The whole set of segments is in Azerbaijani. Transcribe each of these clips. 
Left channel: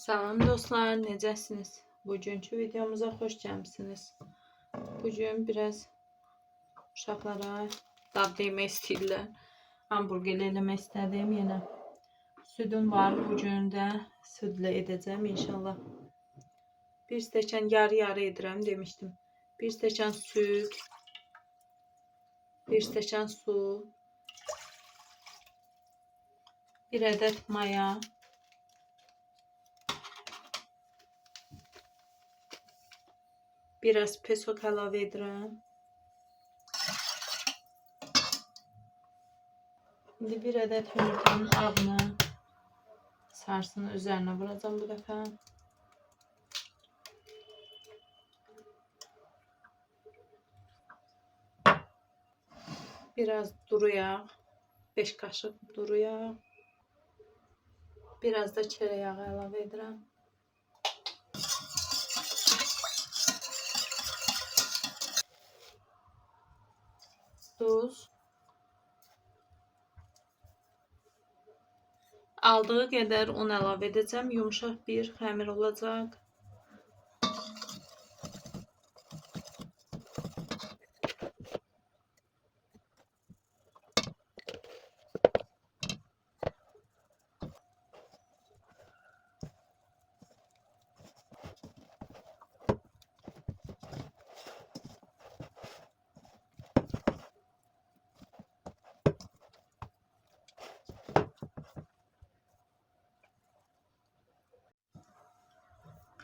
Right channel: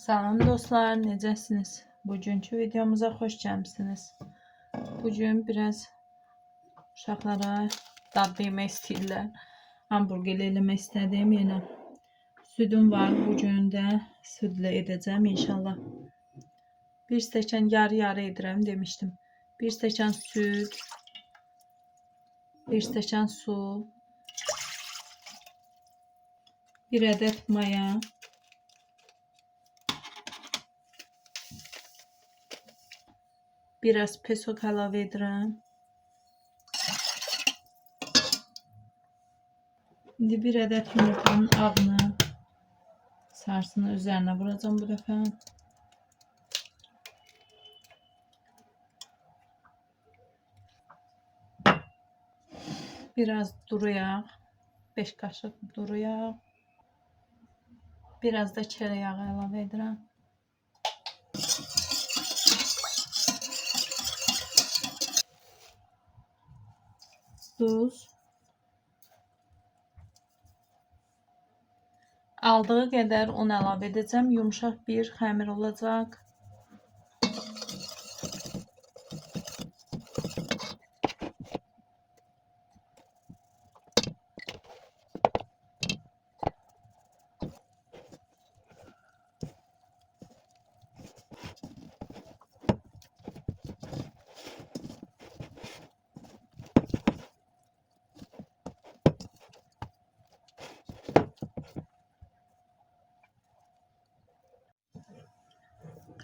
Salam dostlar, necəsiniz? Bugünkü videomuza xoş gəlmisiniz. Bugün biraz uşaqlara dadlı yemək istəyirlər. Hamburger eləmək istədim yenə. Südüm var, bugün də südlə edəcəm inşallah. Bir stəkan yarı edirəm demişdim. Bir stəkan süd, bir stəkan su, bir ədəd maya, biraz peso əlavə edirəm. İndi bir ədəd yumurtanın ağını, sarısını üzərinə vuracağım bu dəfə. Biraz duru yağ, 5 kaşıq duru yağ. Biraz da çörək yağı əlavə edirəm. Duz. Aldığı qədər un əlavə edəcəm. Yumuşaq bir xəmir olacaq.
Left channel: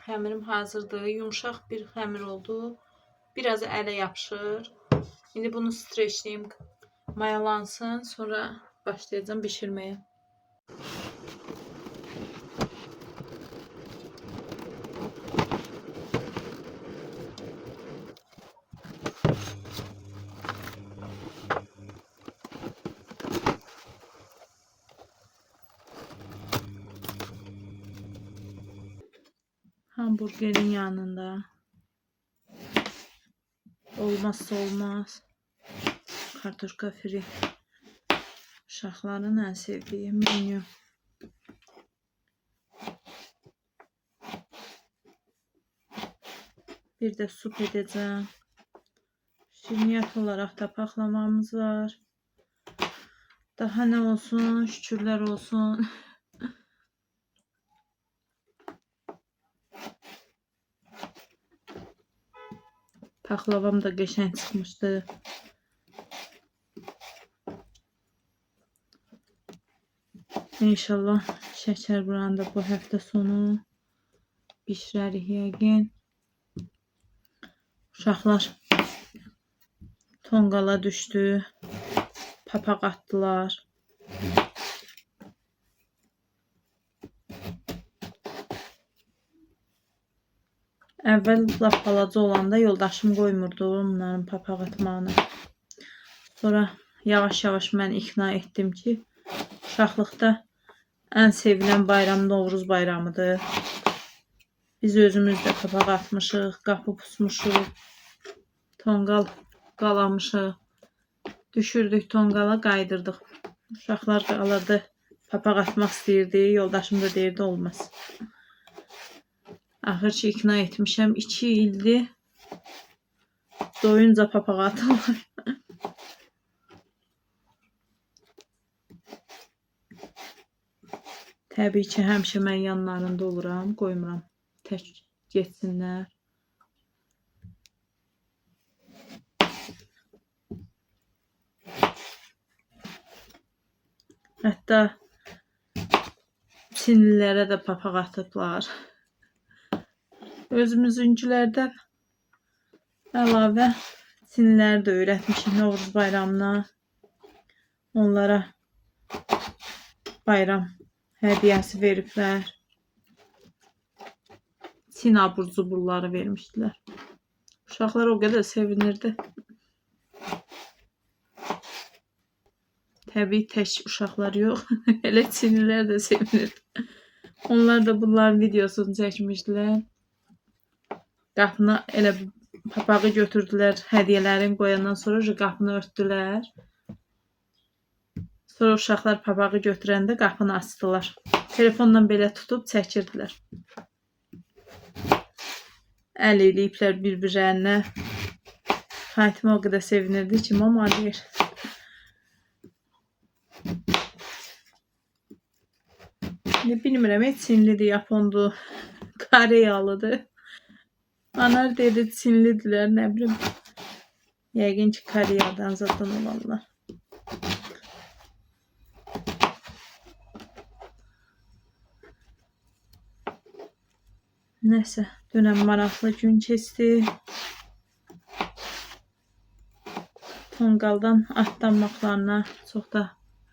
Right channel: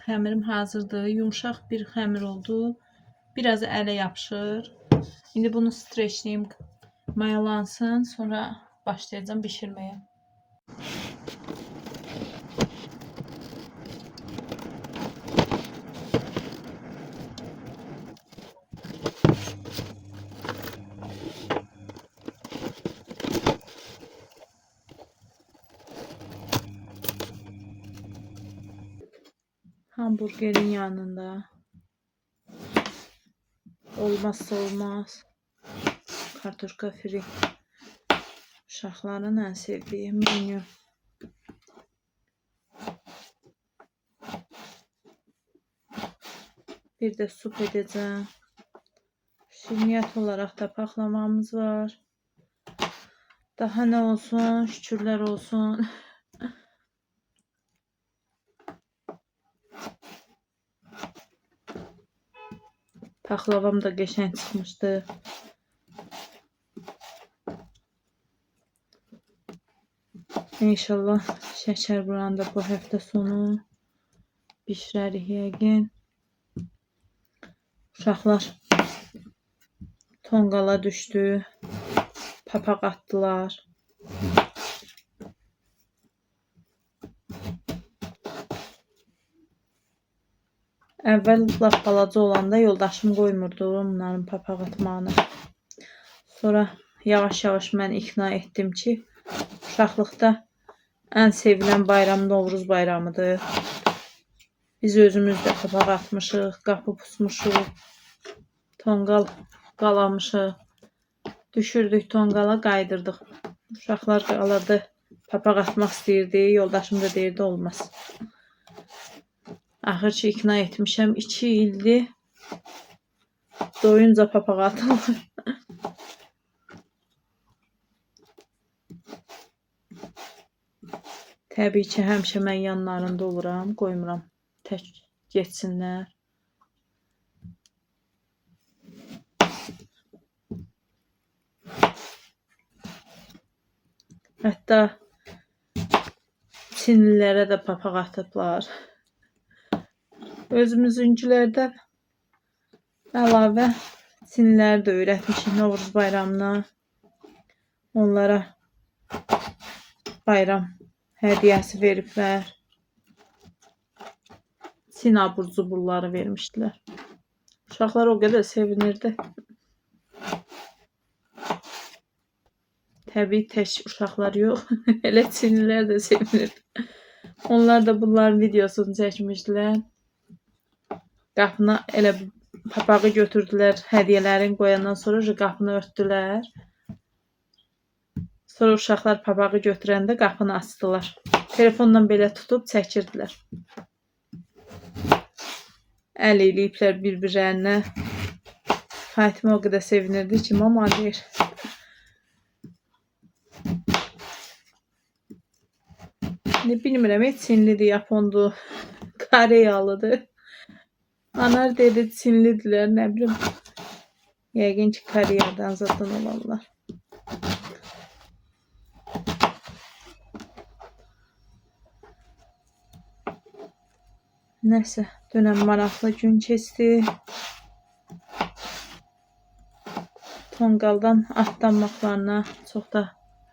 Xəmirim hazırdır. Yumuşaq bir xəmir oldu. Biraz ələ yapışır. İndi bunu streçləyim, mayalansın. Sonra başlayacağım bişirməyə. Hamburgerin yanında olmazsa olmaz kartoşka fri. Uşaqların ən sevdiyi menü. Bir de sup edeceğim. Şirniyyat olarak da paklamamız var. Daha ne olsun? Şükürler olsun. Paklavam da geçen çıkmıştı. İnşallah şeker buranında bu hafta sonu bişirərik yəqin. Uşaqlar tonqala düşdü. Papaq atdılar. Əvvəl lap balaca olanda yoldaşım qoymurdu onların papaq atmağını. Sonra yavaş-yavaş mən ikna etdim ki, uşaqlıqda ən sevilən bayram Novruz bayramıdır. Biz özümüz də papaq atmışıq, qapı pusmuşuq, tonqal qalamışıq. Düşürdük tonqala, qaydırdıq. Uşaqlar qalırdı, papaq atmaq istəyirdi, yoldaşım da deyirdi olmaz. Axır ki ikna etmişəm, 2 ildir doyunca papaq atılır. Təbii ki, həmişə mən yanlarında oluram, qoymuram tək getsinlər. Hətta Çinlilərə də papaq atıblar. Özümüzünkülərdə əlavə Çinliləri də öyrətmişik Novruz bayramına. Onlara bayram hədiyəsi veriblər. Çin abur-cuburları vermişdilər. Uşaqlar o qədər sevinirdi. Təbii tək uşaqlar yox, elə Çinlilər də sevinirdi. Onlar da bunların videosunu çəkmişdilər. Qapını elə papağı götürdülər, hədiyələrini qoyandan sonra qapını örtdülər. Sonra uşaqlar papağı götürəndə qapını açdılar. Telefonla belə tutub çəkirdilər. əl eləyiblər bir-birlərinə. Fatimə o qədər sevinirdi ki, mama deyir. Bilmirəm, heç Çinlidir, Yapondur, Koreyalıdır. Anar dedi Çinlidirlər, nə bilim. Yəqin ki, Koreyadan zaten olanlar. Nəsə, dünən maraqlı gün keçdi. Tonqaldan atlanmaqlarına çox da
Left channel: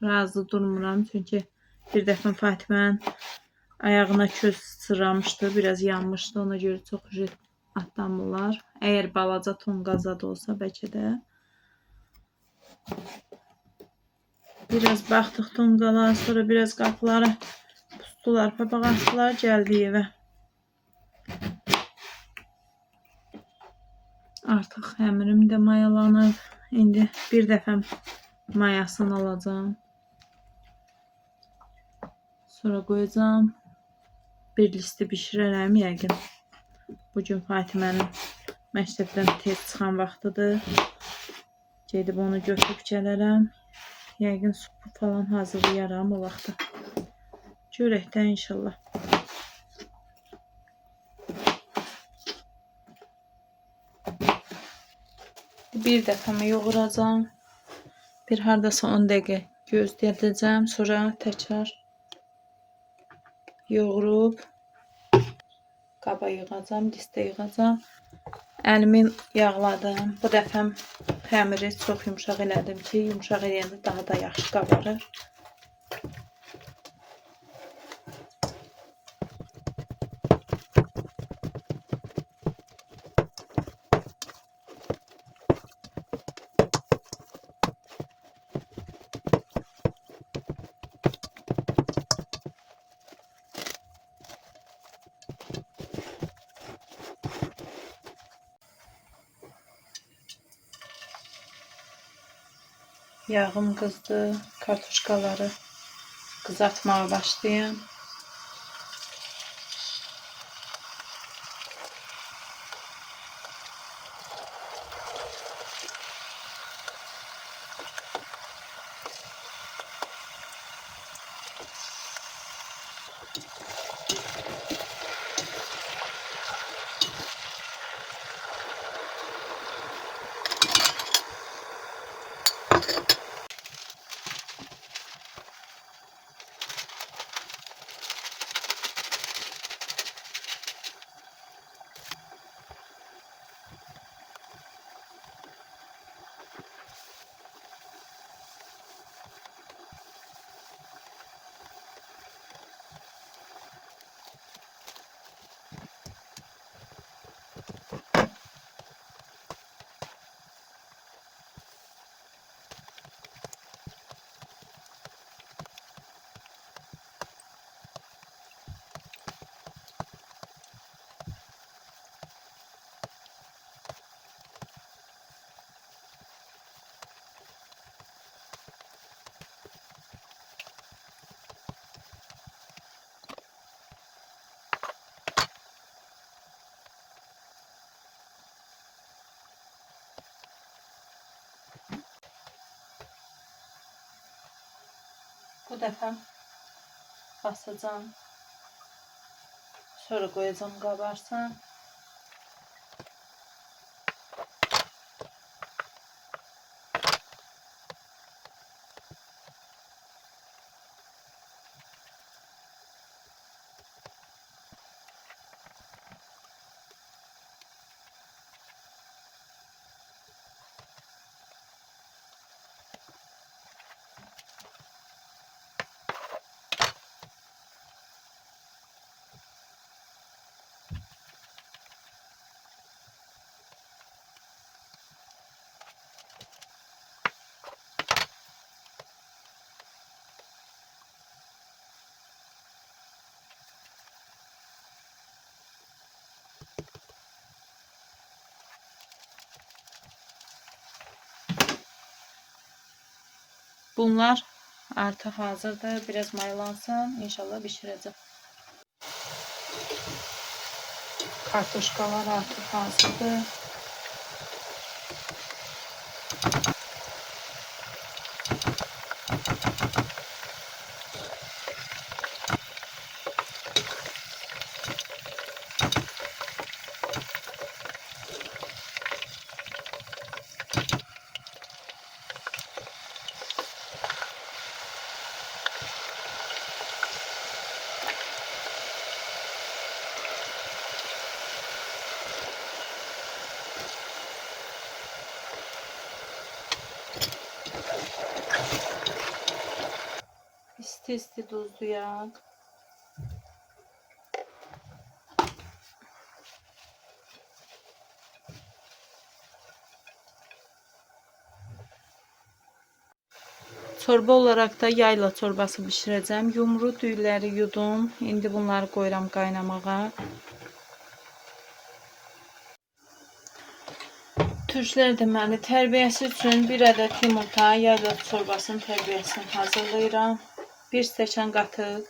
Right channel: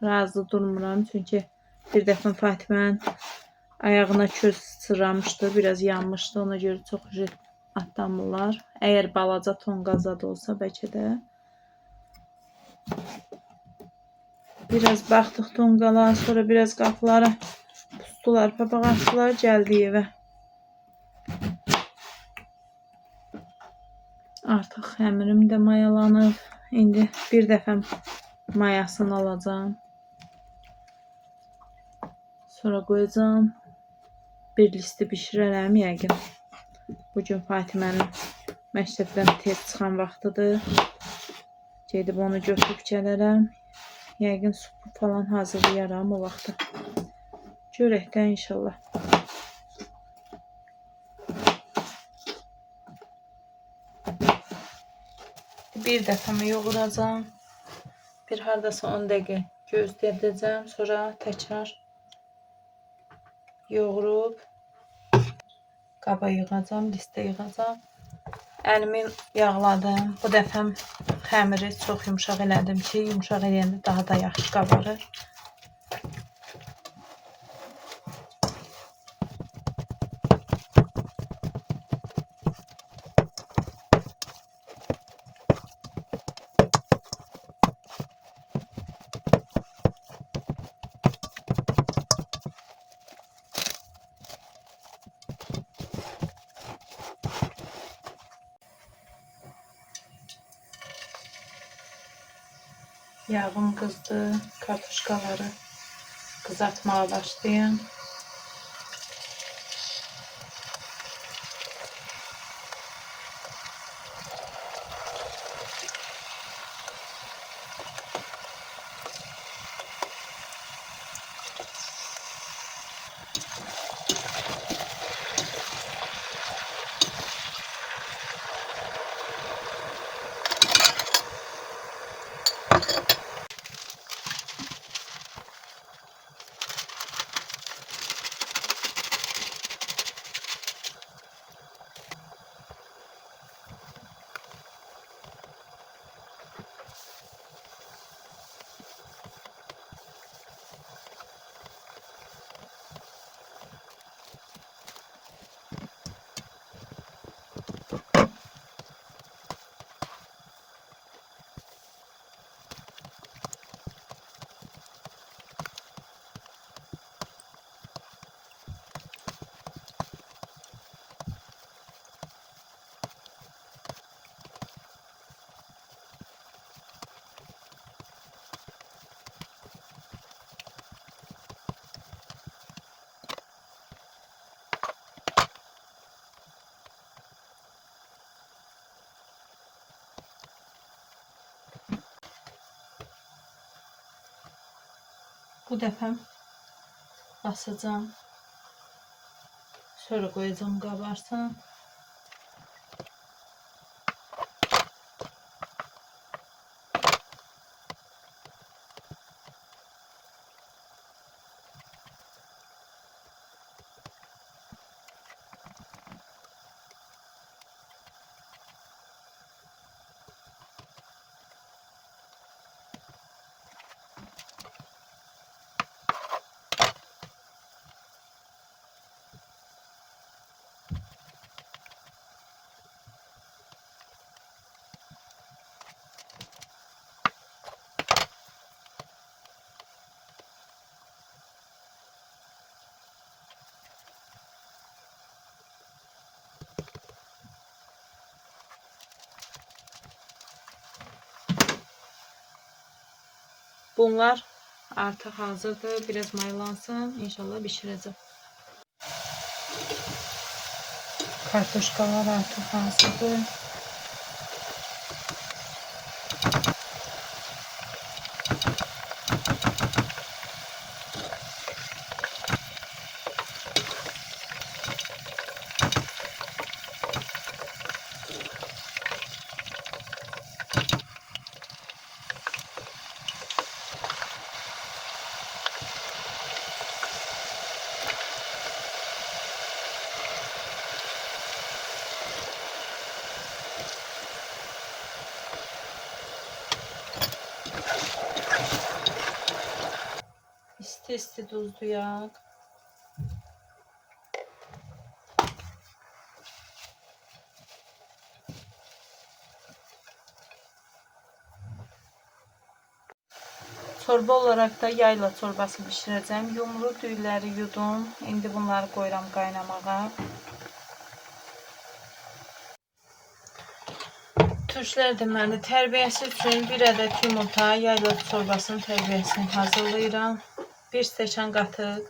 razı durmuram. Çünki bir dəfə Fatimənin ayağına köz sıçramışdı, biraz yanmışdı. Ona görə çox atlanmırlar. Əgər balaca tonqal da olsa bəlkə də. Biraz baxdıq tonqala, sonra biraz qapıları pusdular, papaq atdılar, gəldi evə. Artıq həmirim də mayalanıb. İndi bir dəfə mayasını alacağım. Sonra qoyacağım. Bir listi bişirərəm yəqin. Bugün Fatimənin məktəbdən tez çıxan vaxtıdır. Gedib onu götürüb gələrəm. Yəqin supu falan hazırlayaram o vaxtda. Görək də inşallah. Bir dəfəmi yoğuracağım. Bir hardasa 10 dəqiqə gözləyəcəm. Sonra təkrar yoğurub qaba yığacağım, listə yığacağım. Əlimi yağladım. Bu dəfə xəmiri çox yumşaq elədim ki, yumşaq eləyəndə daha da yaxşı qabarır. Yağım qızdı, kartuşkaları qızartmaya başlayayım. Bu dəfə basacağım. Sonra qoyacağım qabarsın. Bunlar artıq hazırdır. Biraz mayalansın. İnşallah bişirəcəm. Kartoşkalar artıq hazırdır. İsti duzlayaq. Çorba olarak da yayla çorbası bişirəcəm. Yumru düyləri yudum. İndi bunları qoyuram qaynamağa. Türklər deməli tərbiyəsi üçün 1 ədəd yumurta, yayla çorbasının tərbiyəsini hazırlayıram. 1 stəkan qatıq,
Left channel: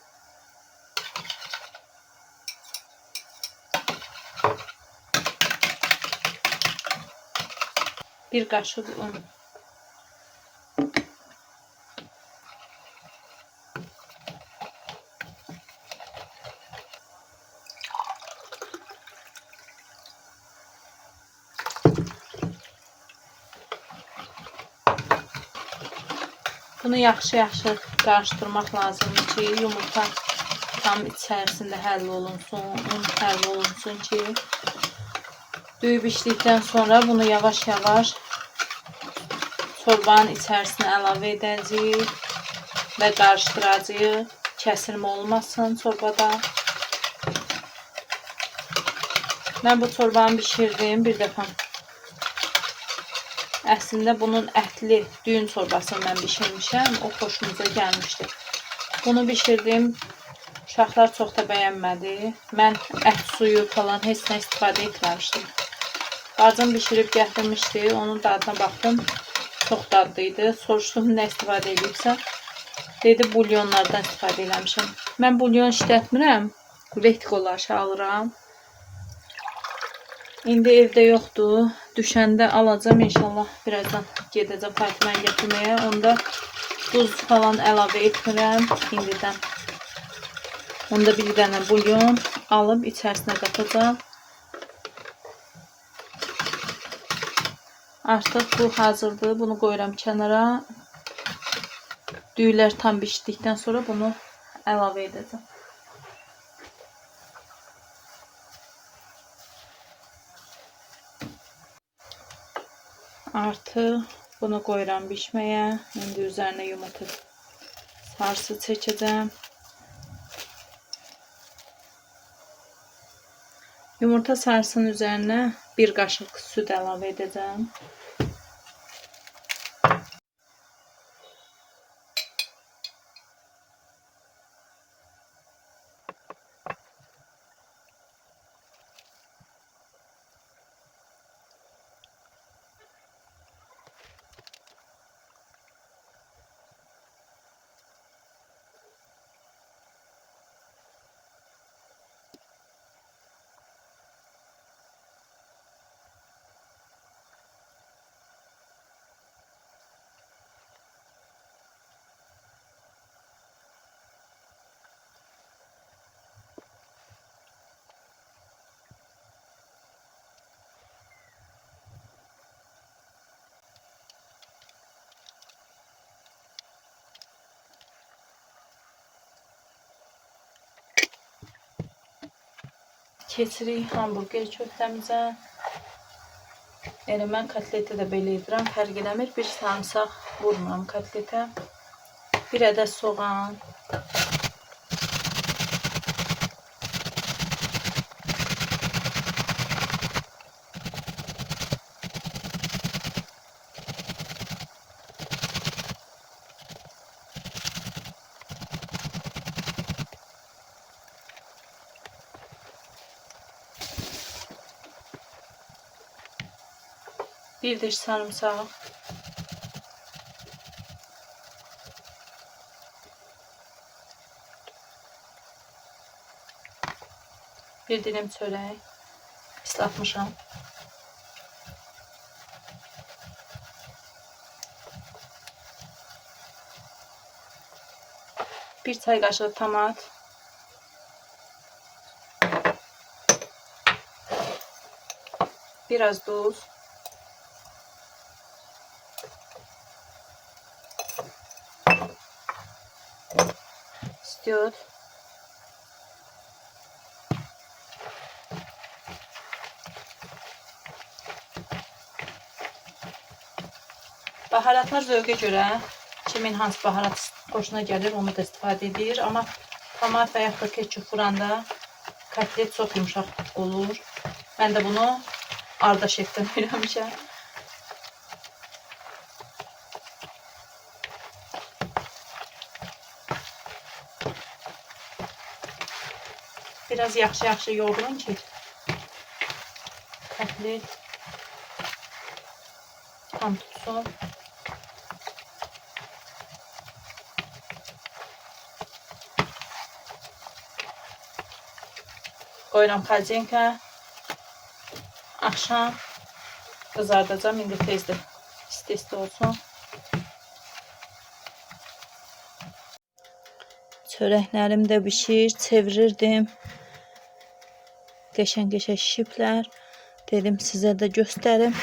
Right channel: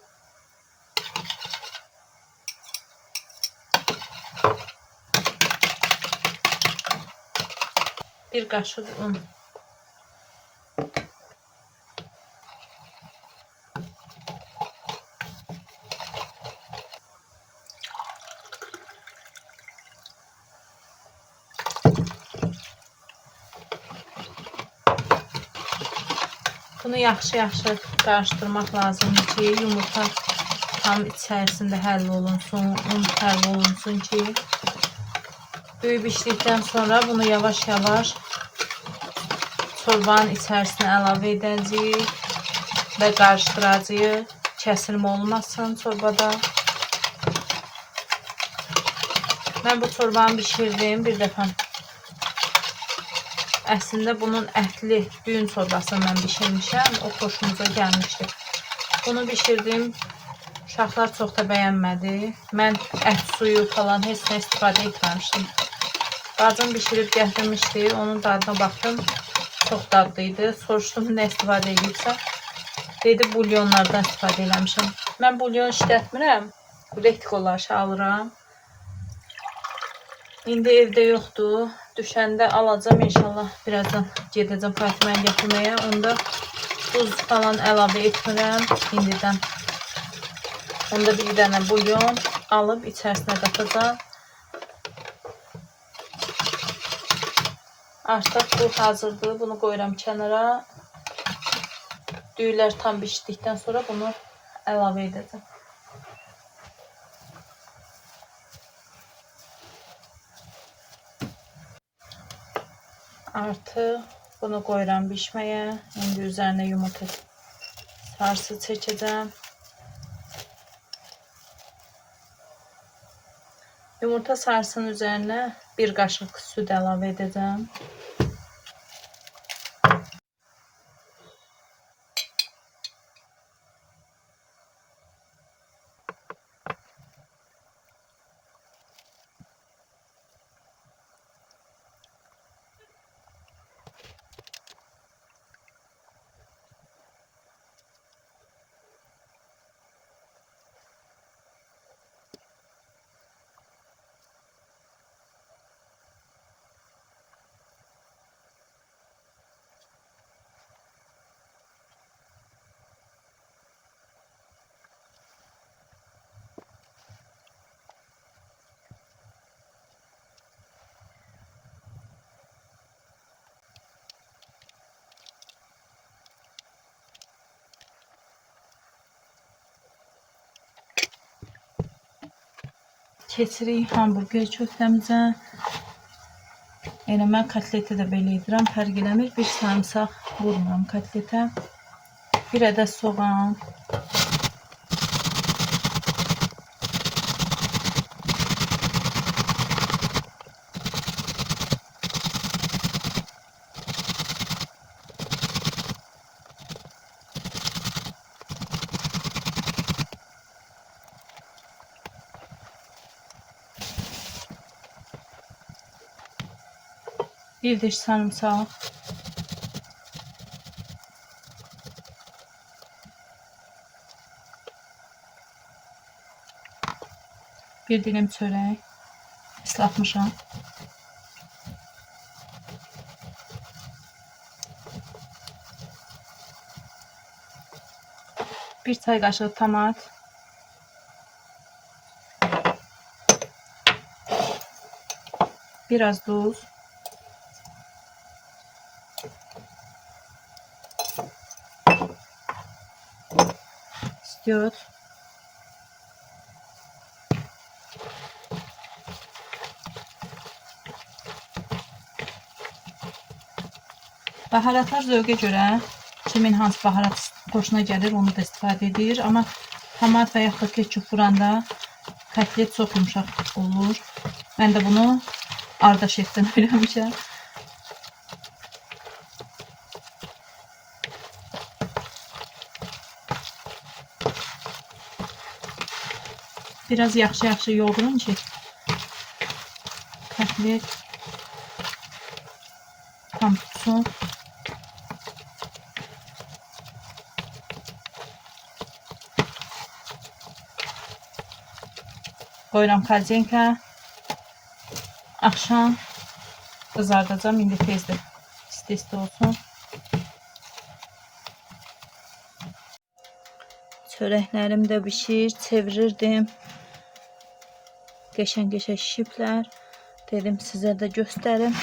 1 qaşıq un. Bunu yaxşı qarışdırmaq lazımdır ki, yumurta tam içərisində həll olunsun, un həll olunsun ki, düyüb içdikdən sonra bunu yavaş-yavaş çorbanın içərisinə əlavə edəcəyik və qarışdıracağıq. Kəsilmə olmasın çorbada. Mən bu çorbanı bişirdim bir dəfə. Əslində bunun ətli düyün çorbasını mən bişirmişəm. O xoşumuza gəlmişdi. Bunu bişirdim. Uşaqlar çox da bəyənmədi. Mən ət suyu falan heç nə istifadə etməmişdim. Bacım bişirib gətirmişdi. Onun dadına baxdım. Çox dadlıydı. Soruşdum nə istifadə edibsə. Dedi bulyonlardan istifadə eləmişəm. Mən bulyon işlətmirəm. Rektikoları alıram. İndi evdə yoxdur. Düşəndə alacağım inşallah. Birazdan gedəcəm Fatiməyə gətirməyə. Onda duz falan əlavə etmirəm indidən. Onda bir dənə bulyon alıb içərisinə qatacağım. Artıq bu hazırdır. Bunu qoyuram kənara. Düyülər tam bişdikdən sonra bunu əlavə edəcəm. Artıq bunu qoyuram bişməyə. İndi üzərinə yumurta sarısı çəkəcəm. Yumurta sarısının üzərinə 1 qaşıq süd əlavə edəcəm. Keçirik hamburger köftəmizə. Elə mən kotleti də belə edirəm, fərq eləmir. Bir sarımsaq vurmuram kotletə. 1 ədəd soğan. Bir diş sarımsaq. Bir dilim çörək. islatmışam. Bir çay kaşığı tomat. Biraz tuz. İstiyor. Baharatlar zövqə görə kimin hansı baharat xoşuna gəlir onu da istifadə edir. Amma tomat və yaxud da ketçup vuranda kotlet çox yumşaq olur. Mən də bunu Arda şefdən öyrənmişəm. Biraz yaxşı yoğurun ki kotlet tam tutsun. Qoyuram xərcənka. Axşam qızardacağım. İndi tezdir. İsti olsun. Çörəklərim də bişir. Çevirirdim. Qəşəng şişiblər. Dedim sizə də göstərim.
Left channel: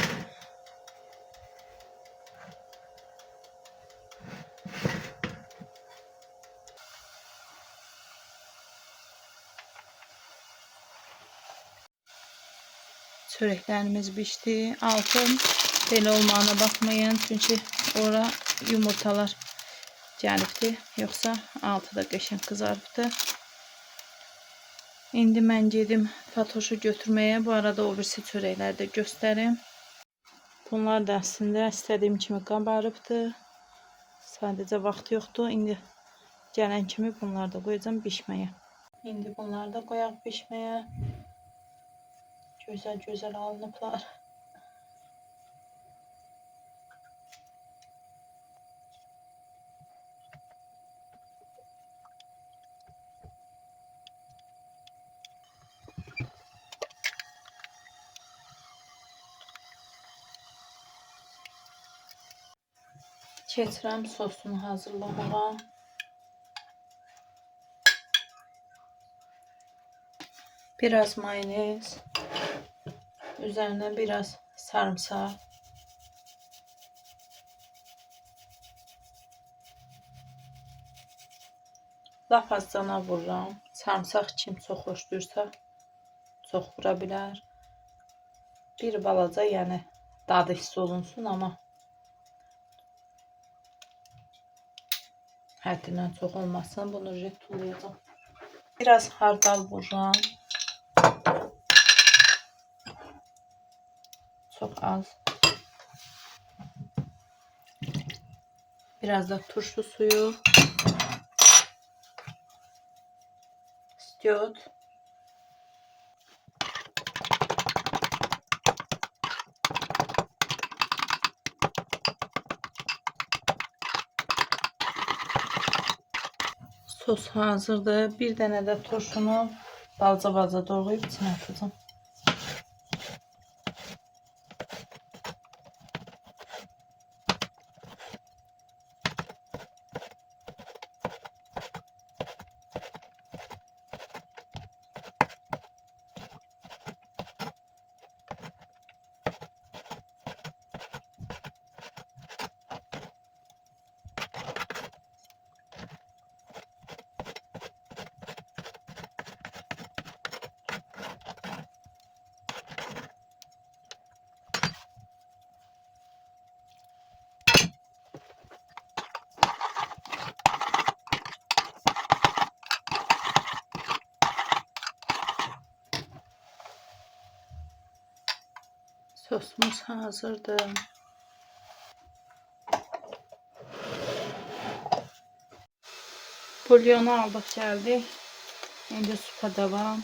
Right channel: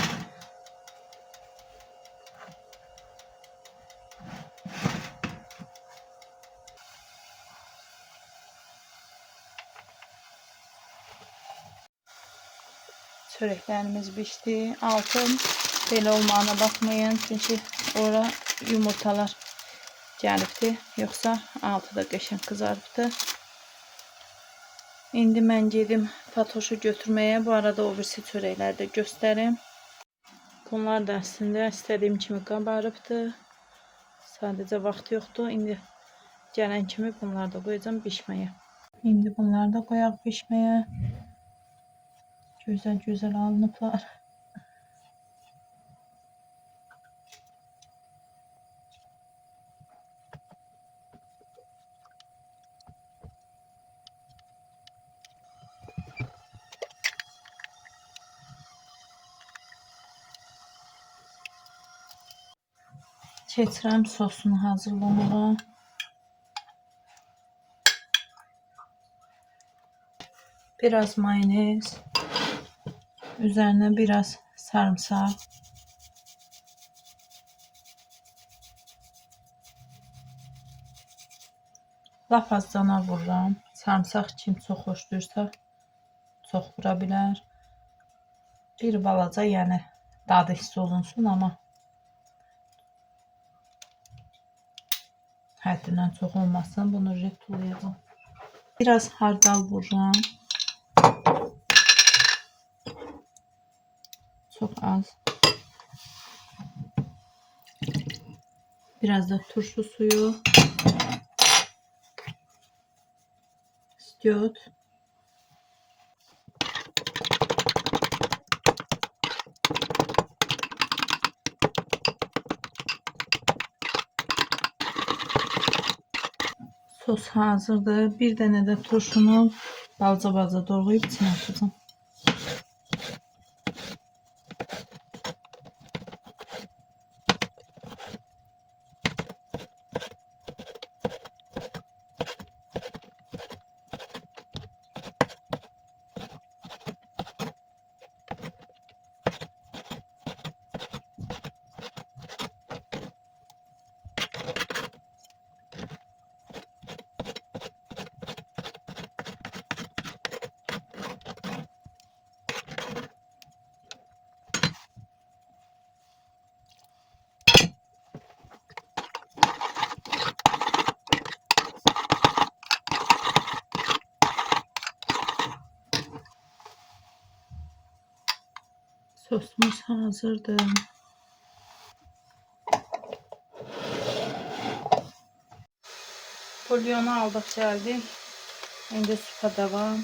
Çörəklərimiz bişdi. Altın belə olmağına baxmayın. Çünki ora yumurtalar gəlibdi. Yoxsa altı da qəşəng qızarıbdı. İndi mən gedim Fatoşu götürməyə. Bu arada o birisi çörəkləri də göstərim. Bunlar da əslində istədiyim kimi qabarıbdı. Sadəcə vaxt yoxdur. İndi gələn kimi bunları da qoyacağım bişməyə. İndi bunları da qoyaq bişməyə. Güzel alınıblar. Keçirəm sosunu hazırlamağa. Biraz mayonez. Üzerine biraz sarımsak. Laf azcana vururam. Sarımsak kim çox xoşlayırsa çox vura bilər. Bir balaca yəni dadı hiss olunsun, amma həddindən çox olmasın. Bunu tulayacağım. Biraz hardal vururam. Çok az. Biraz da turşu suyu. İstiyor. Sos hazırdır. Bir dənə də turşunu balca doğrayıb içine atacağım. Sosumuz hazırdır. Bulyonu aldık geldik. İndi süpa devam.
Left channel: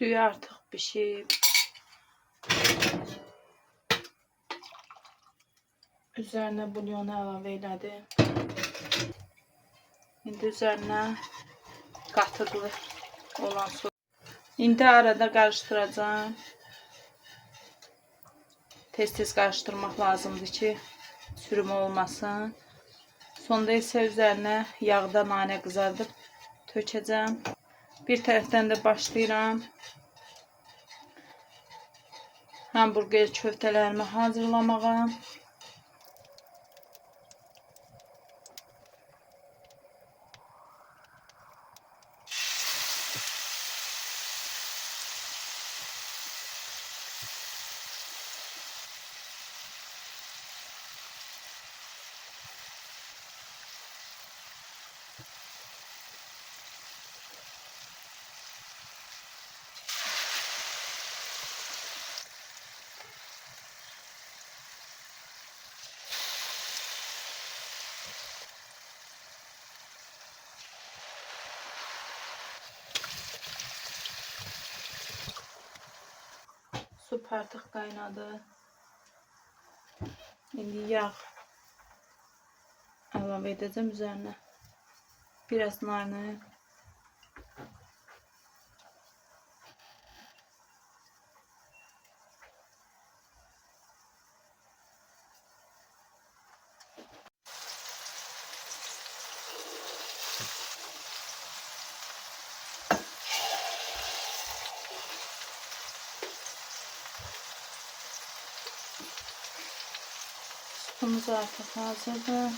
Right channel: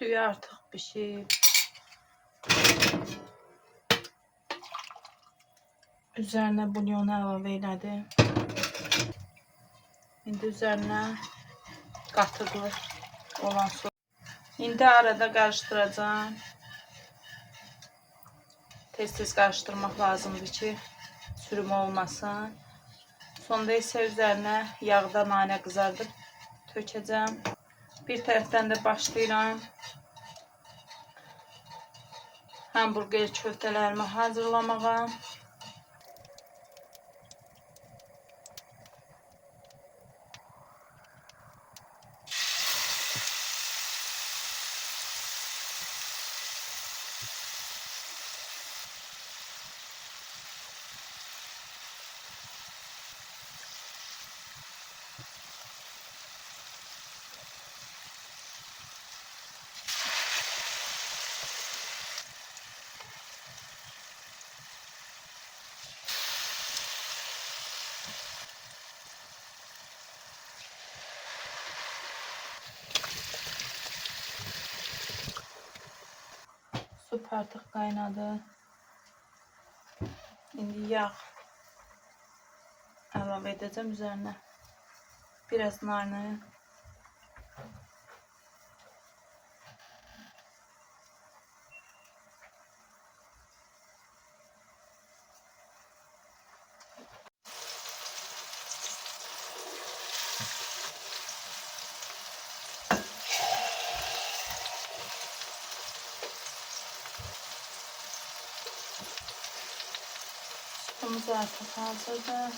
Düyü artık pişib. Üzerine bulyonu əlavə elədim. İndi üzerine qatıqlı olan su. İndi arada qarışdıracağım. Tez-tez qarışdırmaq lazımdır ki, sürümü olmasın. Sonda isə üzerine yağda nane qızardıb tökəcəm. Bir tərəfdən də başlayıram hamburger köftələrimi hazırlamağa. Su artıq qaynadı. İndi yağ əlavə edəcəm üzerine. Biraz nane. Sütümüz artıq hazırdır.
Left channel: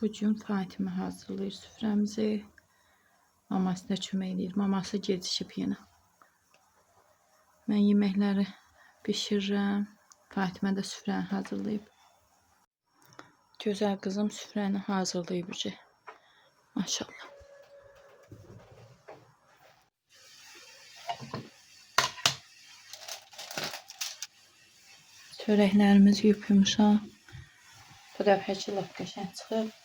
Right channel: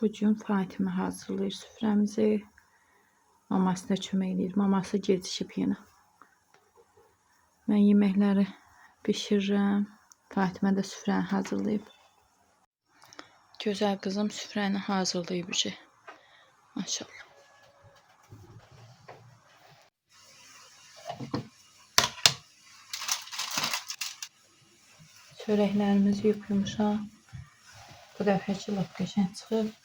Bugün Fatimə hazırlayır süfrəmizi. Maması da kömək edir. Maması gecikib yenə. Mən yeməkləri bişirirəm. Fatimə də süfrəni hazırlayıb. Gözəl qızım süfrəni hazırlayıb ki. Maşallah. Çörəklərimiz yumuşaq. Bu dəfəki lap qəşəng çıxıb.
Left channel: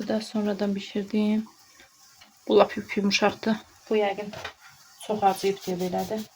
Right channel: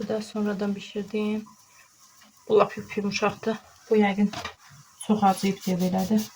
Bu da sonradan bişirdiğim. Bu lap yumuşaktı. Bu yəqin çox acıyıb deyə belədir.